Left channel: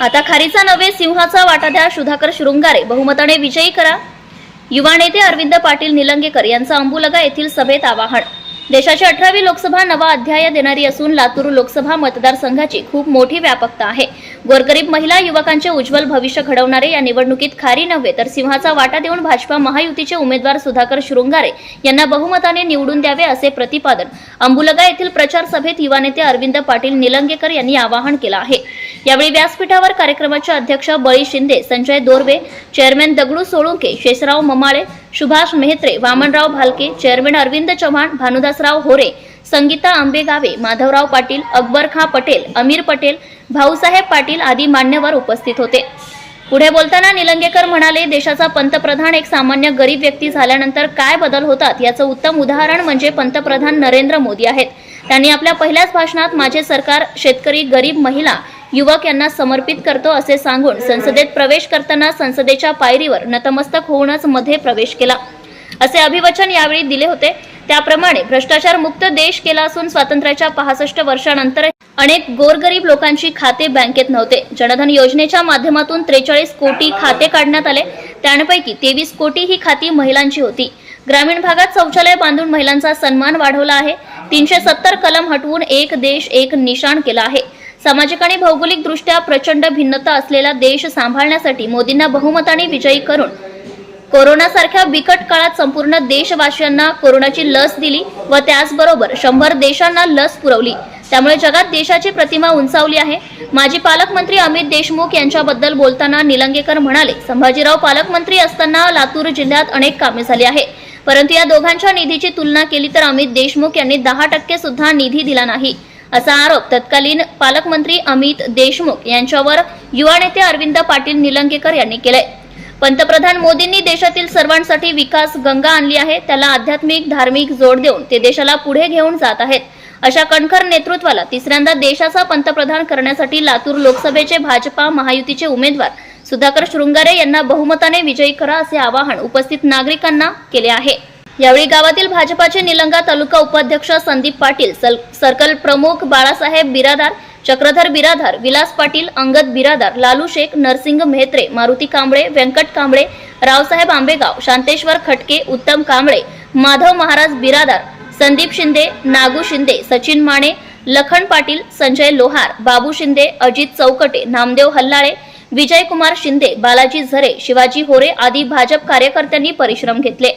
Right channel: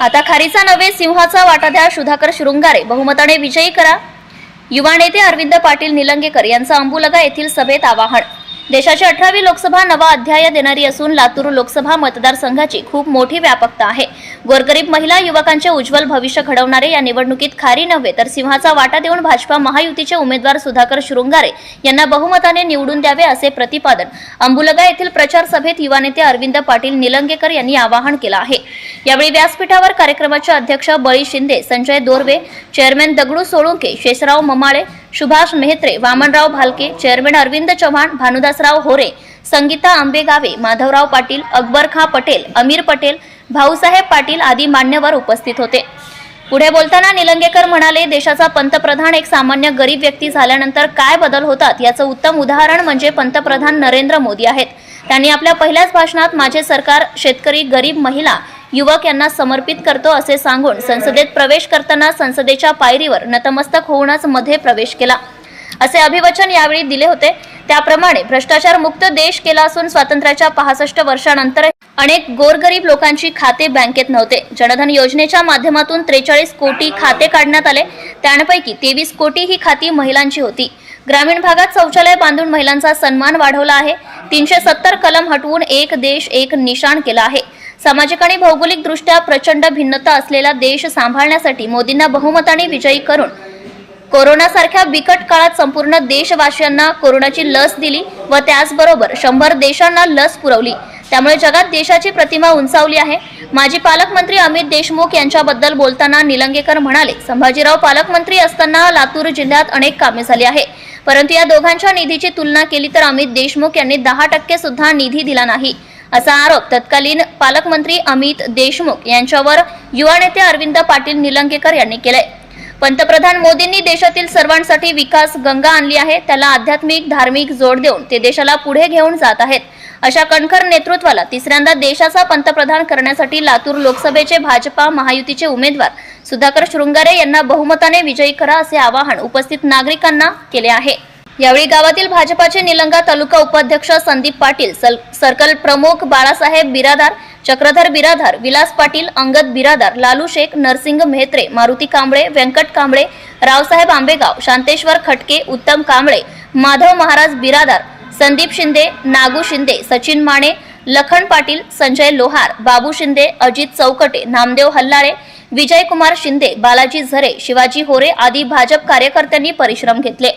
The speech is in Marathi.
आता खारीचा नव्हे सिंहाचा वाटा द्या सुधाकर शृंगारे. बहुमताने विजयी करा. युवा नेते अरविंद पाटील निलंगेकर यांचं अंबुलगा येथील सभेत आवाहन. देशाची अठरावी लोकसभा नवा अध्याय देणारी असून लातूर लोकसभा मतदारसंघाची खूप मोठी व्यापकता आहे. गोरगरीब महिला युवकांचे उज्ज्वल भविष्य घडवणारे या निवडणुकीत खारी नव्हे तर सिंहाचा वाटा देऊन भाजपा महायुतीचे उमेदवार सुधाकर शृंगारे यांना बहुमताने निवडून द्यावे असे प्रतिपादन. अंबुलगा येथील प्रचार सभेत युवा नेते अरविंद पाटील निलंगेकर यांनी आवाहन केलं आहे. यावेळी व्यासपीठावर कार्यक्रमाचे अध्यक्ष बळी शिंदे संजय दोरवे चेअरमॅन दगडू सोळुंके शेषराव ममाळे सुभाष मेहत्रे वामनराव भालके चेअरमॅन अरविंद चव्हाण भानुदासराव होरे संगीता आंबेगावे माधवराव पाटील अकबर खां पटेल अमीर पटेल भाऊसाहेब पाटील आदी मान्यवर उपस्थित होते. पुढे बोलताना निलंगेकर म्हणाले देशाचा पंतप्रधान एक सामान्य गरीब व्यक्ती झाल्यानंतर काय बदल होतात? याचं उत्तम उदाहरण म्हणजे पंतप्रधान नरेंद्र मोदी आहेत. त्यांनी आपल्या पहिल्याच भाषणात माझे सरकार शेतकरी गरीब महिला युवक यांना समर्पित करतो असे सांगून संसदेत प्रवेश करताना संसदेच्या पायरीवर नतमस्तक होऊनच मध्ये प्रवेश केला. असे अभिवचन यावेळी दिले होते. त्याप्रमाणे भ्रष्टाचार मुक्त देश केला असून स्वातंत्र्याच्या पासष्ट वर्षानंतर अनेक गोरगरीब लोकांची खाते बँकेत नव्हते. जनधन योजनेच्या माध्यमातून त्रेचाळीस कोटी खाते काढण्यात आले. त्यापैकी तेवीस कोटी ही खाती महिलांची होती. ग्रामीण भागात शौचालय बांधून महिलांचा सन्मान वाढवला आहे. तीनशे सत्तर कलम हटवून एक देश एक निशाण केला आहे. सामाजिक आणि भौगोलिक दृष्ट्या प्रचंड भिन्नता असलेला देश सांभाळण्यासाठी मोदींना बहुमताने विजयी करून कोरोनासारख्या बिकट काळात संपूर्ण देशवासियांना कोरोनाची लस दिली व त्याचबरोबर शंभर देशांना लस पुरवली. त्यामुळे जगात देशाची प्रतिमा उंचावली आहे. माजी पालकमंत्री अमित देशमुख यांच्याबद्दल बोलताना निलंगेकर म्हणाले संभाजीराव पालकमंत्री असताना लातूर जिल्ह्यात अनेक कामे झाली आहे. परंतु या दोघांच्या निधीची तुलना केली तर अमित देशमुख यांनी दहा टक्के सुद्धा निधी दिला नाही. असा आरोप तत्कालीन पालकमंत्री अमित देशमुख यांच्यावर युवा नेते अरविंद पाटील निलंगेकर यांनी केलंय. पंतप्रधान मोदींनी देशातील सर्वांसाठी विकास गंगा आणली आहे. त्याला आध्यात्मिक धार्मिक जोड देऊन ते देशाला पुढे घेऊन जात आहेत. अशा कणखर नेतृत्वाला तिसऱ्यांदा देशाचा पंतप्रधान करण्यासाठी लातूर लोकसभेचे भाजपा महायुतीचे उमेदवार सुधाकर शृंगारे यांना बहुमताने विजयी करा असे आवाहन उपस्थित नागरिकांना केले आहे. यावेळी गावातील भाजपाचे निलंगा तालुका उपाध्यक्ष संदीप पाटील सर्कल प्रमुख बाळासाहेब बिरादार चक्रधर बिरादार विलास पाटील अंगद बिरादार लालू शेख नरसिंग मेहत्रे मारुती कांबळे व्यंकट कांबळे रावसाहेब आंबेगाव शांतेश्वर खटके उत्तम कांबळे माधव महाराज बिरादार संदीप शिंदे नागू शिंदे सचिन माने लखन पाटील संजय लोहार बाबू शिंदे अजित चौकटे नामदेव हल्लाळे विजयकुमार शिंदे बालाजी झरे शिवाजी होरे आदी भाजप कार्यकर्त्यांनी परिश्रम घेतले.